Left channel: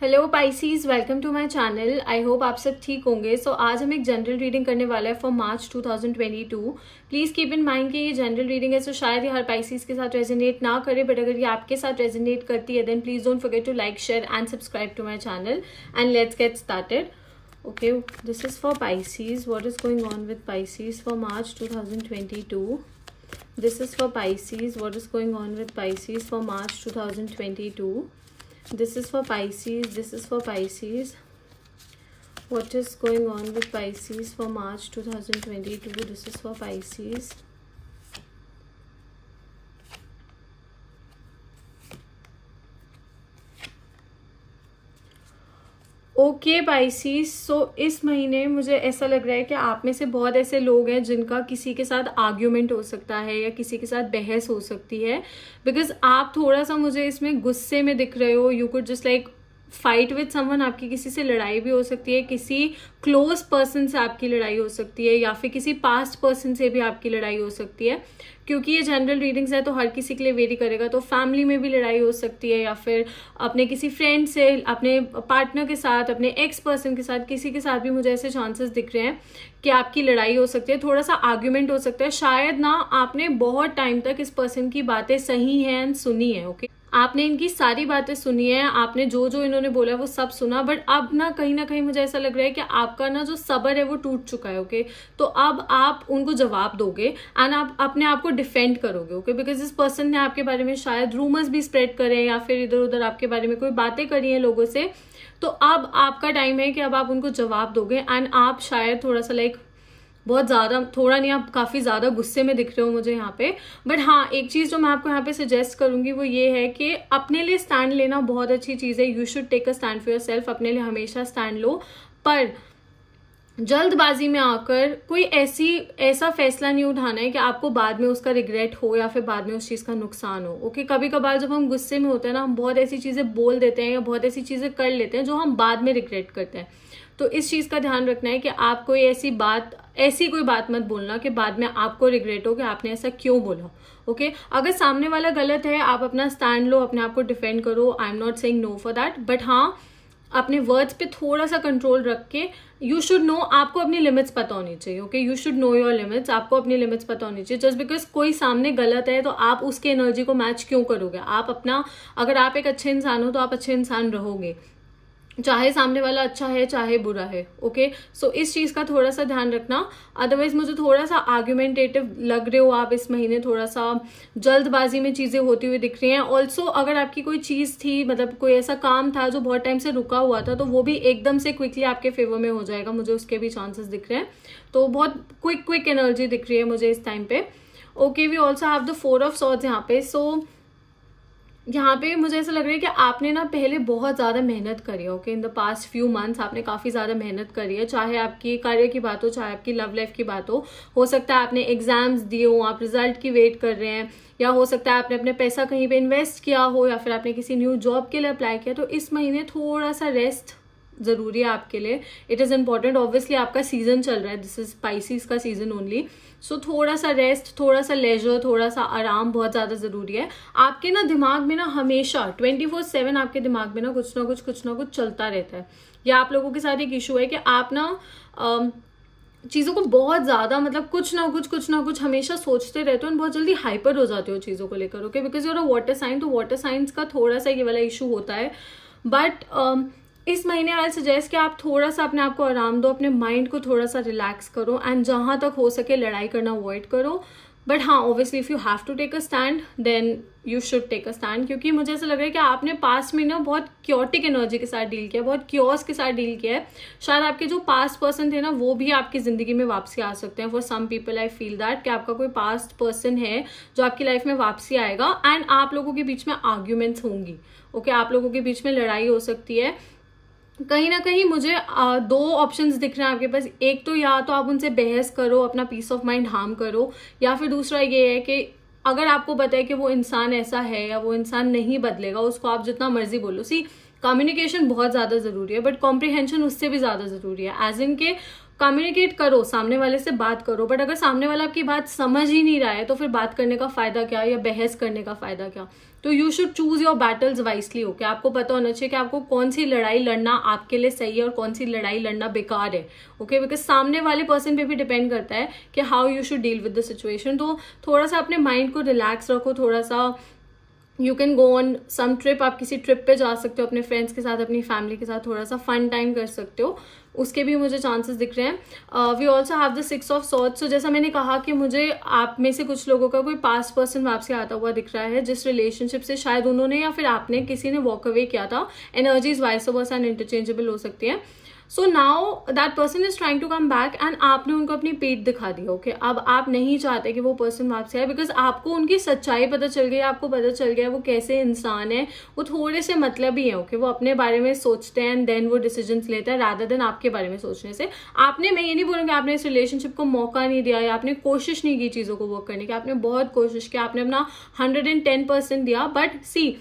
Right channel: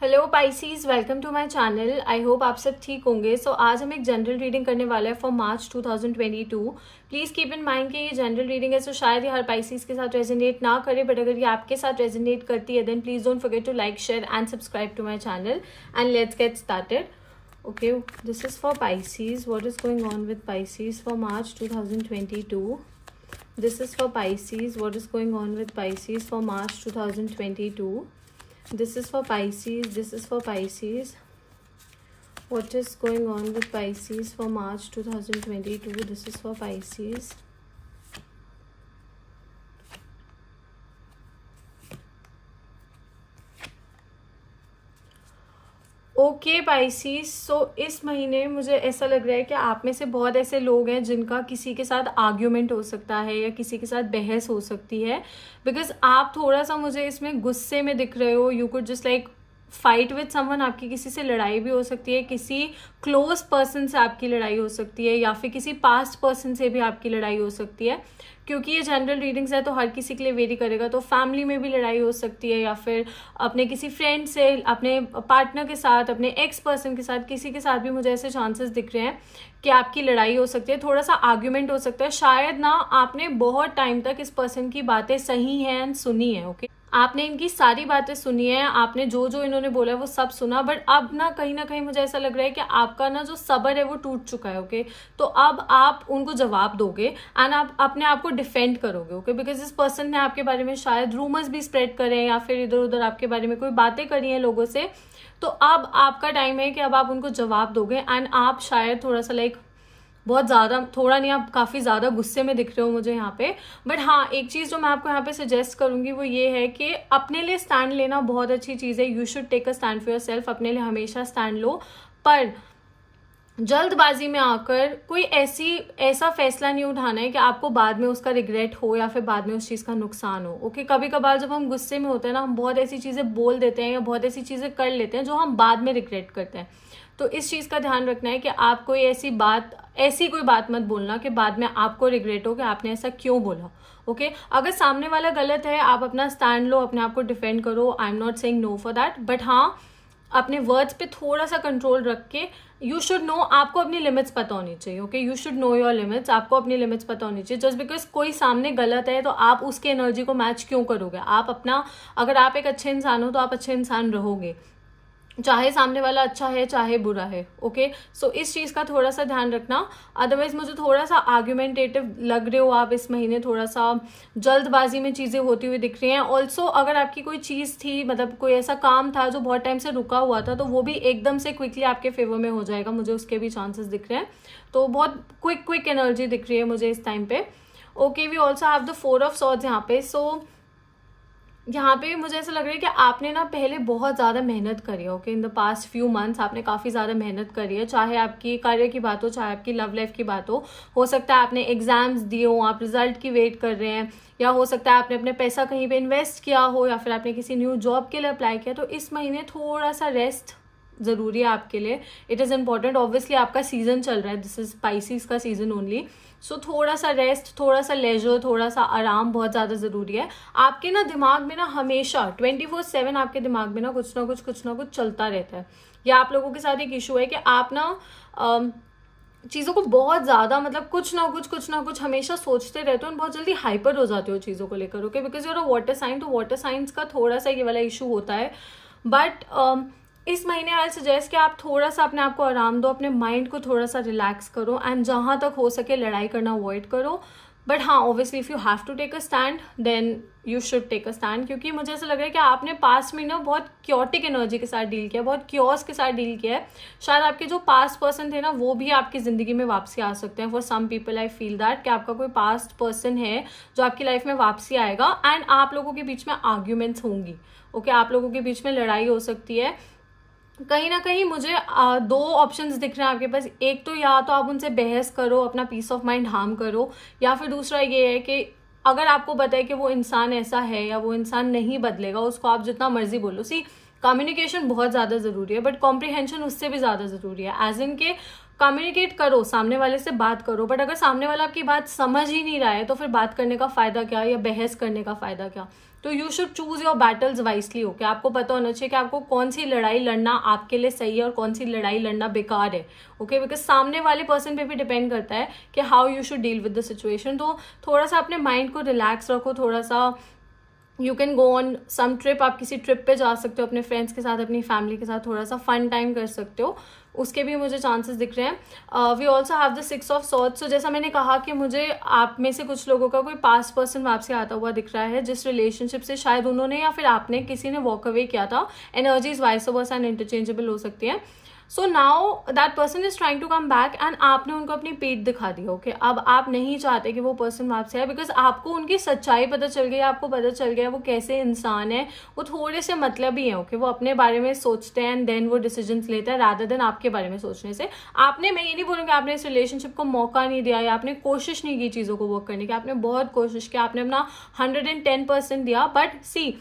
Hello Pisces, welcome to my channel. I hope आप सब ठीक होंगे। आज हम एक जनरल रीडिंग करने वाले हैं for March 2022। Please keep in mind कि ये जनरल रीडिंग है तो शायद ये हर पाइसीज के साथ रेजोनेट ना करे, बट अगर ये आपके साथ रेजोनेट करती है then please don't forget to like, share and subscribe to my channel and let's get started. Okay, this is for Pisces. What is going on with Pisces for March 2022? This is for Pisces. What is going on with Pisces for March 2022? This is for Pisces. This is for Pisces. What is going on with Pisces for March 2022? This is for Pisces. Okay Pisces, so इस महीने मुझे ऐसा लग रहा है कि आप में से बहुत ऐसे लोग हैं जिनका किसी के साथ आर्ग्यूमेंट हो सकता है या किसी के साथ बहस हो सकती है, बिकॉज आप थोड़ा सा मुझे इसमें गुस्से में दिख रहे हो। You could just like fight with someone. आपकी किसी से लड़ाई भी हो सकती है, किसी क्लोज पर्सन से आपकी लड़ाई हो सकती है, या फिर किसी पास्ट पर्सन से भी आपकी लड़ाई हो सकती है। क्योंकि ये जनरल रीडिंग्स है तो हर किसी के लिए वेरी करेगा, तो फैमिली में भी लड़ाई हो सकती है, या फिर अपने किसी फ्रेंड से, अपने पार्टनर के साथ, अपने एक्स पर्सन के साथ, किसी के साथ भी मुझे ऐसे चांसेस दिख रहे हैं कि आपकी लड़ाई हो सकती है, थोड़ा सा आर्ग्यूमेंट हो सकता है। शायद ना आपने बहुत टाइम तक इस पर्सन की बातें सही हैं एंड सुनी है। ओके, आपने इनकी सारी बातें सुनी है, आपने जो जो इन्होंने बोला है वो सब सुना, बट अब ना कहीं मुझे ऐसा लग रहा है कि आपका ना जो सब्र है वो टूट चुका है। ओके, तो अब आप उनको जवाब दोगे एंड आप अपने आप को डिफेंड करोगे। ओके, बिकॉज इस पर्सन ने आपके बारे में शायद रूमर्स भी स्प्रेड करे हैं या फिर इधर उधर आपके बारे में कोई बातें करी हैं लोगों से, तो अब आपका टाइम है कि अब आप उनको जवाब दोगे एंड आप शायद थोड़ा सा लाइक बहुत ज्यादा, थोड़ा नहीं, आप काफी ज्यादा गुस्से में दिख रहे हो मुझे यहाँ पे। बट हाँ, एक चीज जो मैं आपको यहाँ पे सजेस्ट करूंगी वो ये है कि अपने लिए स्टैंड लेना बहुत अच्छी चीज है। You should take a stand for yourself. अपने लिए हमेशा स्टैंड लो, पर जल्दबाजी में आकर कोई ऐसा फैसला नहीं उठाना है कि आपको बाद में उसका रिग्रेट हो या फिर बाद में उस चीज का नुकसान हो। ओके, कभी कभार जब हम गुस्से में होते हैं ना, हम बहुत ऐसी चीजें बोल देते हैं या बहुत ऐसी चीजें कर लेते हैं जो हम बाद में रिग्रेट करते हैं। तो इस चीज का ध्यान रखना है कि आप कोई ऐसी कोई बात मत बोलना कि बाद में आपको रिग्रेट हो कि आपने ऐसा क्यों बोला। ओके, अगर सामने वाला गलत है, आप अपना स्टैंड लो, अपने आप को डिफेंड करो। I am not saying no for that, but हाँ, अपने वर्ड्स पे थोड़ा सा कंट्रोल रख के, यू शुड नो, आपको अपनी लिमिट्स पता होनी चाहिए। Okay, you should know your limits. आपको अपनी लिमिट्स पता होनी चाहिए। जस्ट बिकॉज कोई सामने गलत है तो आप उसकी एनर्जी को मैच क्यों करोगे? आप अपना, अगर आप एक अच्छे इंसान हो तो आप अच्छे इंसान रहोगे, चाहे सामने वाला अच्छा है चाहे बुरा है। ओके, सो इस चीज का थोड़ा सा ध्यान रखना। अदरवाइज मुझे थोड़ा सा आर्ग्यूमेंटेटिव लग रहे हो आप इस महीने, थोड़ा सा जल्दबाजी में चीजें होती हुई दिख रही हैं। ऑल्सो अगर आपकी कोई चीज थी, मतलब कोई ऐसा काम था जो बहुत टाइम से रुका हुआ था, तो वो भी एकदम से क्विकली आपके फेवर में हो जाएगा। मुझे उसके भी चांसेस दिख रहे हैं, तो बहुत क्विक एनर्जी दिख रही है मुझे इस टाइम पे। Okay, we also have the 4 of swords यहाँ पे। सो यहाँ पे मुझे ऐसा लग रहा है कि आपने ना पहले बहुत ज्यादा मेहनत करी है। Okay, in the past few months आपने काफी ज्यादा मेहनत करी है, चाहे आपकी करियर की बात हो, चाहे आपकी लव लाइफ की बात हो सकता है आपने एग्जाम्स दिए हो, आप रिजल्ट की वेट कर रहे हैं, या हो सकता है आपने अपने पैसा कहीं पे इन्वेस्ट किया हो, या फिर आपने किसी न्यू जॉब के लिए अप्लाई किया। तो इस महीने थोड़ा सा रेस्ट जरूरी है आपके लिए। It is important. ऑब्वियसली आपका सीजन चल रहा है, दिस इज स्पाइसीज का सीजन ओनली। सो थोड़ा सा रेस्ट, थोड़ा सा लेजर, थोड़ा सा आराम बहुत ज्यादा जरूरी है। आपके ना दिमाग में ना हमेशा 24/7 आपके दिमाग में ना कुछ ना कुछ चलता रहता है। या आप लोगों के साथ एक इशू है कि आप ना चीजों को बहुत ज्यादा, मतलब कुछ ना कुछ हमेशा सोचते रहते हो और बहुत जल्दी हाइपर हो जाते हो चीजों को लेकर। Okay, because you're a water sign, तो वाटर साइंस का थोड़ा सा ये वाला इशू होता है। बट इस महीने आई सजेस्ट कि आप थोड़ा सा अपने आप को आराम दो, अपने माइंड को थोड़ा सा रिलैक्स करो एंड जहां तक हो सके लड़ाई करना अवॉइड करो। बट हाँ, obviously if you have to take a stand then you should take a stand, क्योंकि मुझे ऐसा लग रहा है कि आपने पास्ट में ना बहुत क्योटिक एनर्जी के साथ डील किया, बहुत क्योस के साथ डील किया है। शायद आपके जो पास्ट पर्सन थे ना वो भी आपकी जिंदगी में वापसी आ सकते हैं। For some people I feel that कि आपका कोई पास्ट पर्सन है जो आपकी लाइफ में वापसी आएगा एंड आप लोगों के बीच में आर्ग्यूमेंट्स होंगी। ओके, आप लोगों के बीच में लड़ाई हो सकती है। कहीं ना कहीं मुझे 2 ऑप्शंस दिख रहे हैं आपके पास। एक तो या तो आप उनसे बहस करो, अपना पीस ऑफ माइंड हार्म करो, या फिर दूसरा ये है कि अगर आपको पता है कि वो इंसान ऐसा है या वो इंसान नहीं बदलेगा, उसको आप जितना मर्जी बोलो। सी, कम्युनिकेशन बहुत ज्यादा जरूरी है, बट कॉम्प्रिहेंशन उससे भी ज्यादा जरूरी है। एज इन के कम्युनिकेट करो, सामने वाले से बात करो, बट अगर सामने वाला आपकी बात समझ ही नहीं रहा है तो फिर बात करने का फायदा क्या, या बहस करने का फायदा क्या? तो you should choose your battles wisely. Okay, आपको पता होना चाहिए कि आपको कौन सी लड़ाई लड़ना आपके लिए सही है और कौन सी लड़ाई लड़ना बेकार है। ओके, बिकॉज सामने वाले पर्सन पे भी डिपेंड करता है कि how you should deal with the situation. तो थोड़ा सा अपने माइंड को रिलैक्स रखो, थोड़ा सा you can go on some trip, आप किसी ट्रिप पे जा सकते हो अपने फ्रेंड्स के साथ, अपनी फैमिली के साथ, थोड़ा सा फन टाइम कर सकते हो, उसके भी मुझे चांसेस दिख रहे हैं। We also have the 6 of swords. So जैसा मैंने कहा कि मुझे आप में से कुछ लोगों का कोई पास्ट पर्सन आपसे आता हुआ दिख रहा है, जिस रिलेशनशिप से शायद उन्होंने या फिर आपने किसी ने वॉक अवे किया था। Energies vice versa and interchangeable हो सकती है। So now that person is trying to come back and आपने उनको अपनी पीठ दिखा दी। ओके, अब आप नहीं चाहते कि वो पर्सन आपसे आए, बिकॉज आपको उनकी सच्चाई पता चल गई, आपको पता चल गया वो कैसे इंसान है। वो थोड़े से मतलबी है। ओके, वो अपने बारे में सोचते हैं एंड देन वो डिसीजंस लेते हैं रादर देन आपके बारे में सोचने से। आपने, मैं ये नहीं बोलूंगी आपने इस रिलेशनशिप को मौका नहीं दिया या आपने कोशिश नहीं की चीजों को वर्क करने की, आपने बहुत कोशिश की, आपने अपना 110% दिया। बट सी,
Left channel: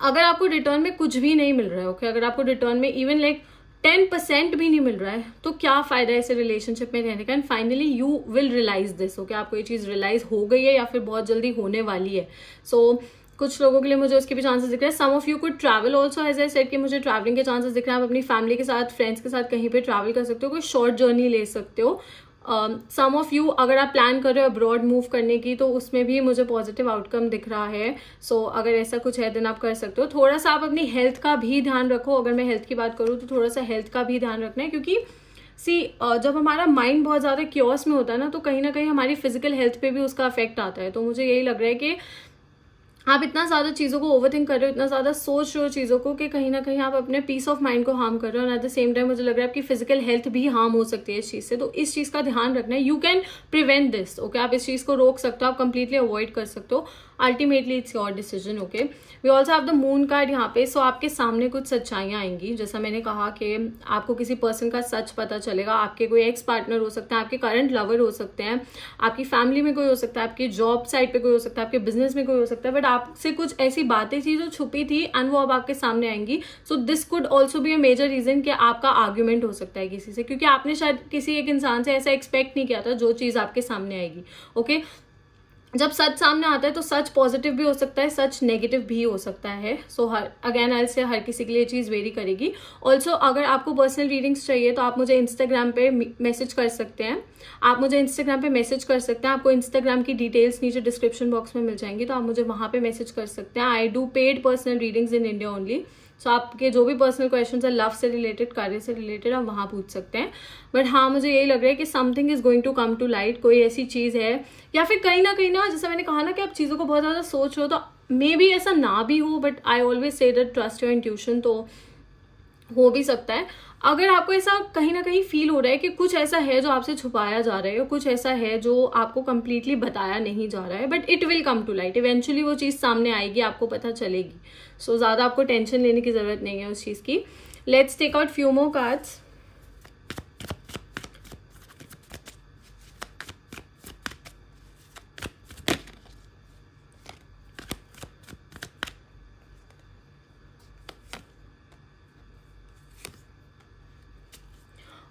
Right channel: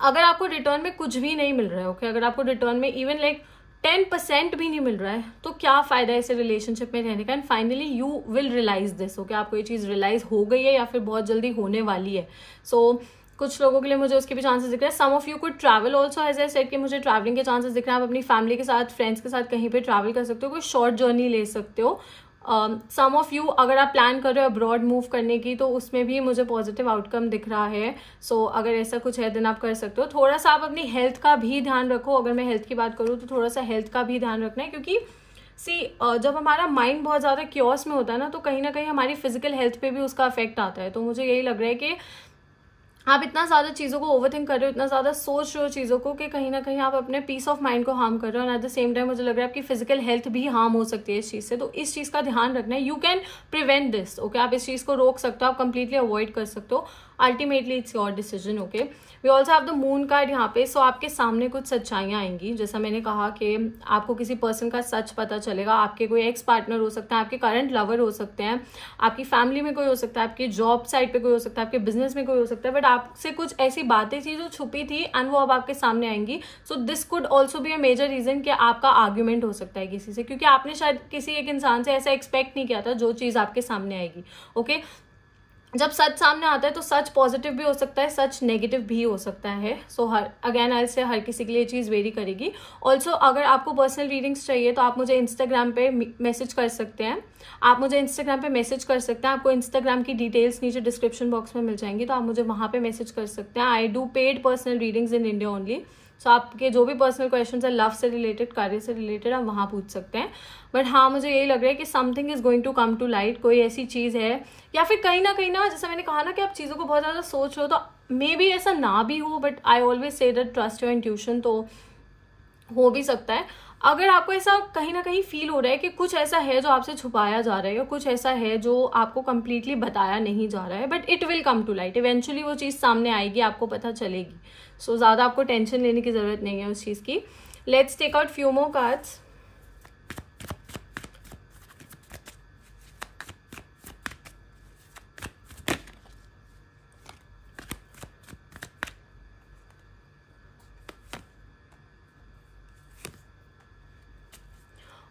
अगर आपको रिटर्न में कुछ भी नहीं मिल रहा है, ओके, अगर आपको रिटर्न में इवन लाइक 10% भी नहीं मिल रहा है, तो क्या फायदा है ऐसे रिलेशनशिप में रहने का। And finally you will realise this. Okay, आपको ये चीज रियलाइज हो गई है या फिर बहुत जल्दी होने वाली है। सो कुछ लोगों के लिए मुझे उसके भी चांसेस दिख रहे हैं। Some of you could travel also, as I said कि मुझे ट्रैवलिंग के चांसेस दिख रहे हैं। आप अपनी फैमिली के साथ, फ्रेंड्स के साथ कहीं पे ट्रैवल कर सकते हो, कोई शॉर्ट जर्नी ले सकते हो। सम ऑफ यू अगर आप प्लान कर रहे हो अब्रॉड मूव करने की, तो उसमें भी मुझे पॉजिटिव आउटकम दिख रहा है। सो अगर ऐसा कुछ है देन आप कर सकते हो। थोड़ा सा आप अपनी हेल्थ का भी ध्यान रखो। अगर मैं हेल्थ की बात करूँ तो थोड़ा सा हेल्थ का भी ध्यान रखना है, क्योंकि सी जब हमारा माइंड बहुत ज्यादा क्योस में होता है ना, तो कहीं ना कहीं हमारी फिजिकल हेल्थ पे भी उसका इफेक्ट आता है। तो मुझे यही लग रहा है कि आप इतना ज्यादा चीजों को ओवरथिंक कर रहे हो, इतना ज्यादा सोच रहे हो चीजों को, कि कहीं ना कहीं आप अपने पीस ऑफ माइंड को हार्म कर रहे हो। एट द सेम टाइम मुझे लग रहा है आपकी फिजिकल हेल्थ भी हार्म हो सकती है इस चीज से। तो इस चीज का ध्यान रखना है। You can prevent this. Okay, आप इस चीज को रोक सकते हो, आप कंप्लीटली अवॉइड कर सकते हो। Ultimately it's your decision. Okay, we also have the moon card यहाँ पे। सो आपके सामने कुछ सच्चाइयां आएंगी। जैसा मैंने कहा कि आपको किसी पर्सन का सच पता चलेगा। आपके कोई एक्स पार्टनर हो सकता है, आपके करंट लवर हो सकते हैं, आपकी फैमिली में कोई हो सकता है, आपकी जॉब साइट पे कोई हो सकता है, आपके बिजनेस में कोई हो सकता है। बट आपसे कुछ ऐसी बातें थी जो छुपी थी एंड वो अब आपके सामने आएंगी। So this could also be a major reason कि आपका आर्ग्यूमेंट हो सकता है किसी से, क्योंकि आपने शायद किसी एक इंसान से ऐसा एक्सपेक्ट नहीं किया था जो चीज आपके सामने आएगी। ओके, जब सच सामने आता है तो सच पॉजिटिव भी हो सकता है, सच नेगेटिव भी हो सकता है। सो हर अगेन आई से हर किसी के लिए चीज वेरी करेगी। ऑल्सो अगर आपको पर्सनल रीडिंग्स चाहिए तो आप मुझे इंस्टाग्राम पे मैसेज कर सकते हैं। आप मुझे इंस्टाग्राम पे मैसेज कर सकते हैं। आपको इंस्टाग्राम की डिटेल्स नीचे डिस्क्रिप्शन बॉक्स में मिल जाएंगी, तो आप मुझे वहां पे मैसेज कर सकते हैं। I do paid personal readings in India only. So आपके जो भी पर्सनल क्वेश्चंस है लव से रिलेटेड, कार्य से रिलेटेड, आप वहां पूछ सकते हैं। बट हाँ, मुझे यही लग रहा है कि something is going to come to light. कोई ऐसी चीज है, या फिर कहीं ना जैसे मैंने कहा ना कि आप चीजों को बहुत ज्यादा सोच रहे हो, तो मे बी ऐसा ना भी हो, but I always say that trust your intuition, तो हो भी सकता है। अगर आपको ऐसा कहीं ना कहीं फील हो रहा है कि कुछ ऐसा है जो आपसे छुपाया जा रहा है, या कुछ ऐसा है जो आपको कंप्लीटली बताया नहीं जा रहा है, but it will come to light. Eventually वो चीज सामने आएगी, आपको पता चलेगी। सो ज्यादा आपको टेंशन लेने की जरूरत नहीं है उस चीज की। Let's take out few more cards.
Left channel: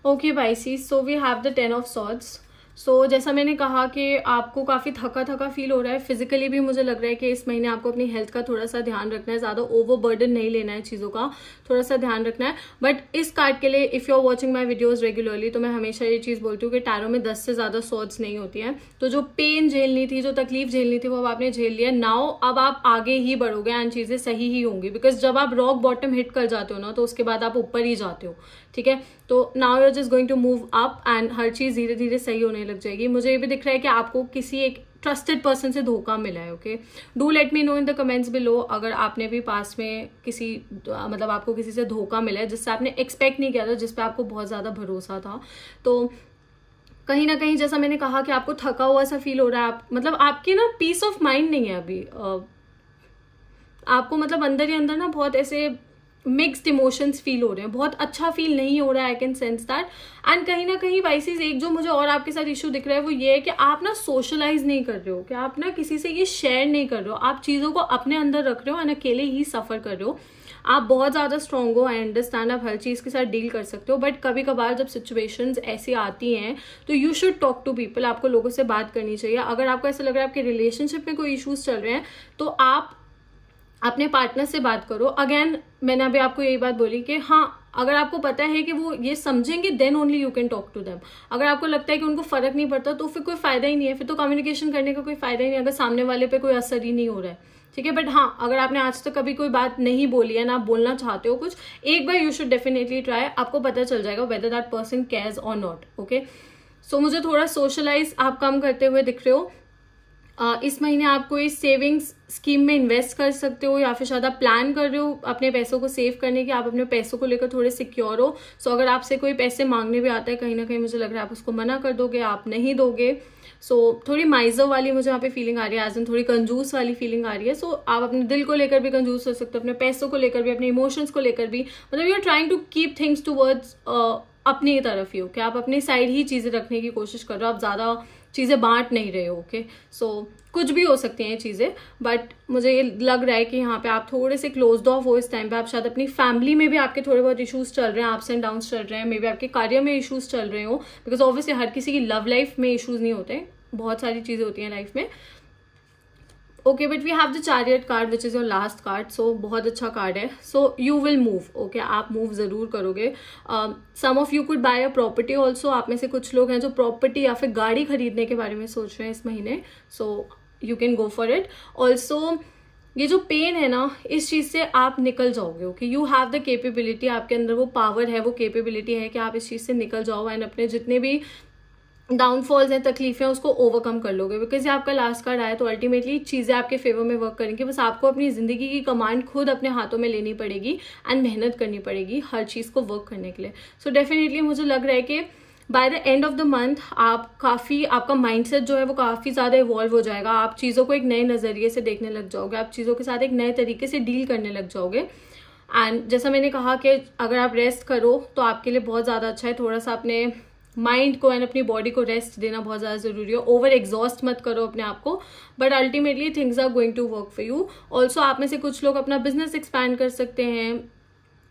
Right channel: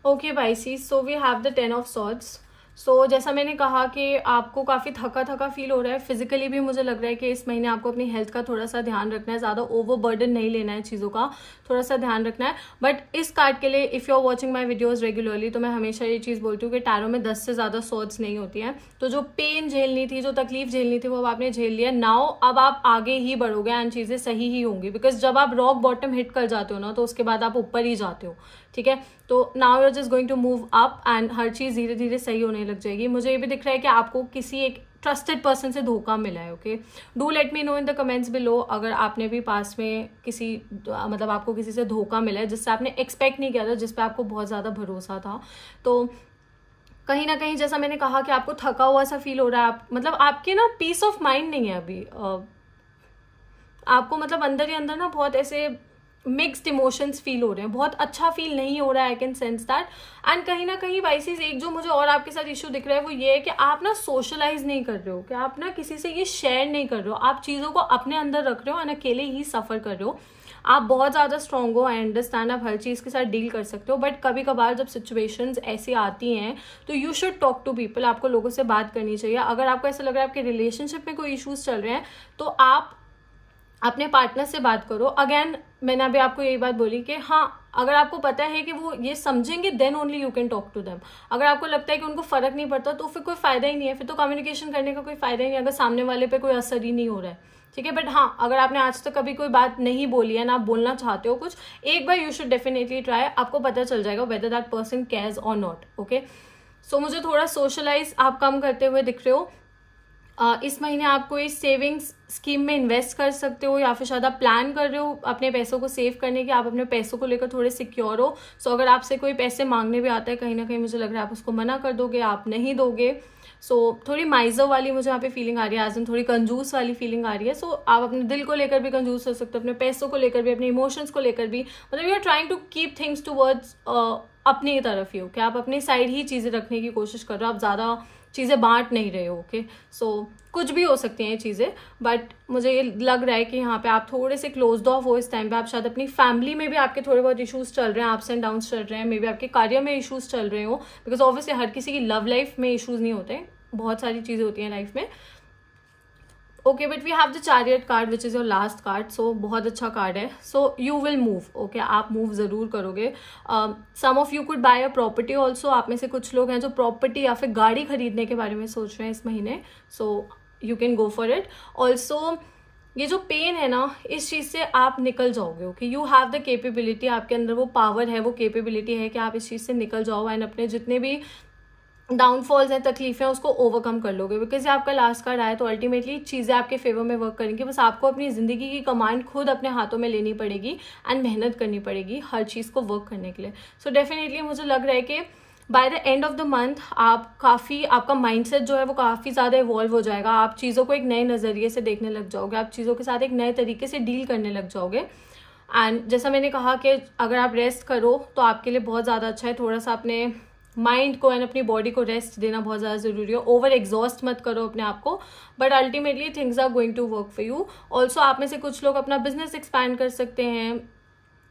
Okay Pisces, so we have the 10 of swords. So जैसा मैंने कहा कि आपको काफी थका थका फील हो रहा है, फिजिकली भी मुझे लग रहा है कि इस महीने आपको अपनी हेल्थ का थोड़ा सा ध्यान रखना है, ज्यादा ओवरबर्डन नहीं लेना है चीजों का, थोड़ा सा ध्यान रखना है। बट इस कार्ड के लिए if you are watching my videos regularly, तो मैं हमेशा ये चीज बोलती हूँ कि टैरो में 10 से ज्यादा सॉर्ड्स नहीं होती है। तो जो पेन झेलनी थी, जो तकलीफ झेलनी थी, वो अब आपने झेल लिया। नाउ अब आप आगे ही बढ़ोगे एंड चीजें सही ही होंगी, बिकॉज जब आप रॉक बॉटम हिट कर जाते हो ना, तो उसके बाद आप ऊपर ही जाते हो। ठीक है, तो now you are just going to move up and हर चीज धीरे धीरे सही होने लग जाएगी। मुझे ये भी दिख रहा है कि आपको किसी एक ट्रस्टेड पर्सन से धोखा मिला है। Okay, do let me know in the comments below अगर आपने भी पास में किसी मतलब आपको किसी से धोखा मिला है जिससे आपने एक्सपेक्ट नहीं किया था, जिस पे आपको बहुत ज्यादा भरोसा था। तो कहीं ना कहीं जैसा मैंने कहा कि आपको थका हुआ सा फील हो रहा है, आप मतलब आपके ना पीस ऑफ माइंड नहीं है अभी। आपको मतलब अंदर ही अंदर ना बहुत ऐसे मिक्स्ड इमोशंस फील हो रहे हैं, बहुत अच्छा फील नहीं हो रहा है। I can sense that. And कहीं ना कहीं वाइसेस एक जो मुझे और आपके साथ इश्यू दिख रहा है वो ये है कि आप ना सोशलाइज नहीं कर रहे हो, कि आप ना किसी से ये शेयर नहीं कर रहे हो, आप चीजों को अपने अंदर रख रहे हो एंड अकेले ही सफर कर रहे हो। आप बहुत ज्यादा स्ट्रांग हो, आई अंडरस्टैंड, आप हर चीज के साथ डील कर सकते हो, बट कभी कभार जब सिचुएशंस ऐसी आती हैं तो you should talk to people. आपको लोगों से बात करनी चाहिए। अगर आपको ऐसा लग रहा है आपके रिलेशनशिप में कोई इश्यूज चल रहे हैं, तो आप अपने पार्टनर से बात करो। अगेन मैंने अभी आपको यही बात बोली कि हाँ, अगर आपको पता है कि वो ये समझेंगे then only you can talk to them. अगर आपको लगता है कि उनको फर्क नहीं पड़ता तो फिर कोई फायदा ही नहीं है, फिर तो कम्युनिकेशन करने का कोई फायदा ही नहीं, अगर सामने वाले पे कोई असर ही नहीं हो रहा है, ठीक है। बट हाँ, अगर आपने आज तक कभी कोई बात नहीं बोली है ना, आप बोलना चाहते हो कुछ, एक बार यू शुड डेफिनेटली ट्राई, आपको पता चल जाएगा वेदर दैट पर्सन केयर्स और नॉट। ओके, सो मुझे थोड़ा सोशलाइज आप कम करते हुए दिख रहे हो। इस महीने आप कोई सेविंग्स स्कीम में इन्वेस्ट कर सकते हो, या फिर शायद आप प्लान कर रहे हो अपने पैसों को सेव करने के, आप अपने पैसों को लेकर थोड़े सिक्योर हो। सो अगर आपसे कोई पैसे मांगने भी आता है, कहीं ना कहीं मुझे लग रहा है आप उसको मना कर दोगे, आप नहीं दोगे। सो थोड़ी माइजर वाली मुझे यहाँ पे फीलिंग आ रही है, एज इन थोड़ी कंजूस वाली फीलिंग आ रही है। सो आप अपने दिल को लेकर भी कंजूस हो सकते हो, अपने पैसों को लेकर भी, अपने इमोशंस को लेकर भी, मतलब you are trying to keep things towards अपनी तरफ ही हो, कि आप अपनी साइड ही चीजें रखने की कोशिश कर रहे हो, आप ज्यादा चीजें बांट नहीं रहे हो। ओके, सो कुछ भी हो सकती हैं ये चीजें, बट मुझे ये लग रहा है कि यहाँ पे आप थोड़े से क्लोज्ड ऑफ हो इस टाइम पे। आप शायद अपनी फैमिली में भी आपके थोड़े बहुत इश्यूज चल रहे हैं, अप्स एंड डाउन्स चल रहे हैं, मे बी आपके कार्य में इश्यूज चल रहे हो, बिकॉज ऑब्वियसली हर किसी की लव लाइफ में इश्यूज नहीं होते, बहुत सारी चीजें होती हैं लाइफ में। Okay, but we have the chariot card which is your last card, so बहुत अच्छा कार्ड है। So you will move. Okay, आप मूव जरूर करोगे। Some of you could buy a property also. आप में से कुछ लोग हैं जो प्रॉपर्टी या फिर गाड़ी खरीदने के बारे में सोच रहे हैं इस महीने, so you can go for it. Also ये जो पेन है ना, इस चीज से आप निकल जाओगे। Okay, you have the capability, आपके अंदर वो पावर है, वो केपेबिलिटी है कि आप इस चीज से निकल जाओ एंड अपने जितने भी डाउनफॉल्स हैं, तकलीफें, उसको ओवरकम कर लोगे। बिकॉज आपका लास्ट कार्ड आया तो अल्टीमेटली चीजें आपके फेवर में वर्क करेंगी। बस आपको अपनी जिंदगी की कमांड खुद अपने हाथों में लेनी पड़ेगी एंड मेहनत करनी पड़ेगी हर चीज को वर्क करने के लिए। सो डेफिनेटली मुझे लग रहा है कि by the end of the month आपका माइंडसेट जो है वो काफी ज्यादा इवॉल्व हो जाएगा। आप चीजों को एक नए नजरिए से देखने लग जाओगे, आप चीजों के साथ एक नए तरीके से डील करने लग जाओगे। एंड जैसा मैंने कहा कि अगर आप रेस्ट करो तो आपके लिए बहुत ज्यादा अच्छा है। थोड़ा सा अपने माइंड को एंड अपनी बॉडी को रेस्ट देना बहुत ज्यादा जरूरी है। ओवर एग्जॉस्ट मत करो अपने आप को, but ultimately things are going to work for you. Also आप में से कुछ लोग अपना बिजनेस एक्सपैंड कर सकते हैं,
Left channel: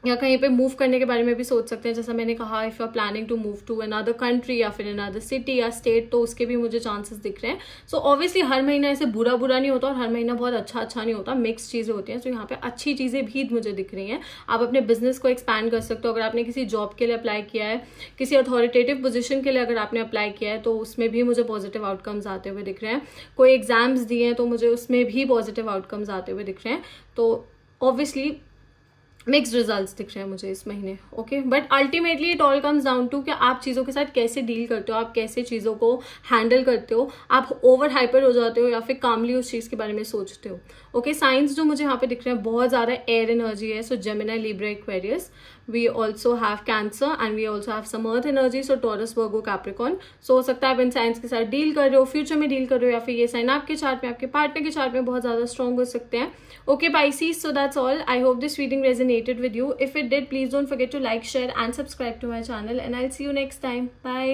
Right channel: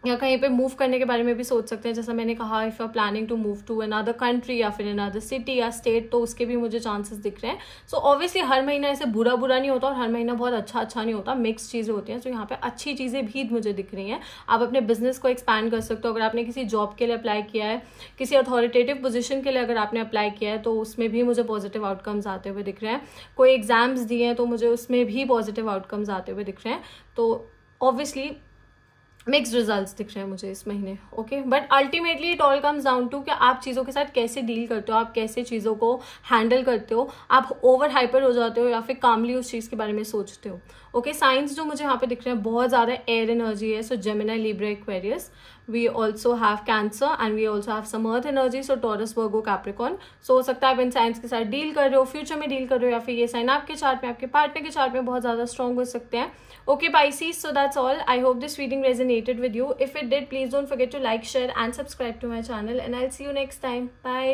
या कहीं पे मूव करने के बारे में भी सोच सकते हैं। जैसा मैंने कहा, if you are planning to move to another country या फिर अनदर सिटी या स्टेट, तो उसके भी मुझे चांसेस दिख रहे हैं। सो ऑब्वियसली हर महीना ऐसे बुरा नहीं होता और हर महीना बहुत अच्छा नहीं होता, मिक्स चीजें होती हैं। तो यहाँ पे अच्छी चीजें भी मुझे दिख रही हैं। आप अपने बिजनेस को एक्सपैंड कर सकते हो। अगर आपने किसी जॉब के लिए अप्लाई किया है, किसी अथॉरिटेटिव पोजिशन के लिए अगर आपने अप्लाई किया है, तो उसमें भी मुझे पॉजिटिव आउटकम्स आते हुए दिख रहे हैं। कोई एग्जाम्स दिए हैं तो मुझे उसमें भी पॉजिटिव आउटकम्स आते हुए दिख रहे हैं। तो ऑब्वियसली मिक्स्ड रिजल्ट्स दिख रहे हैं मुझे इस महीने। Okay, but ultimately it all comes down to कि आप चीजों के साथ कैसे डील करते हो, आप कैसे चीजों को हैंडल करते हो। आप ओवर हाइपर हो जाते हो या फिर कामली उस चीज के बारे में सोचते हो। ओके, साइंस जो मुझे यहाँ पे दिख रहे हैं बहुत ज्यादा एयर एनर्जी है। So Gemini, Libra, Aquarius, we also have Cancer and we also have some earth energy, so Taurus, Virgo, Capricorn. So हो सकता है आप इन साइंस के साथ डील कर रहे हो, फ्यूचर में डील कर रहे हो, या फिर ये साइन आपके चार्ट में, आपके पार्टनर के चार्ट में बहुत ज्यादा स्ट्रॉन्ग हो सकते हैं। Okay, Pisces, so that's all. I hope this reading resonated with you. If it did, please don't forget to like, share and subscribe to my channel, and I'll see you next time. Bye.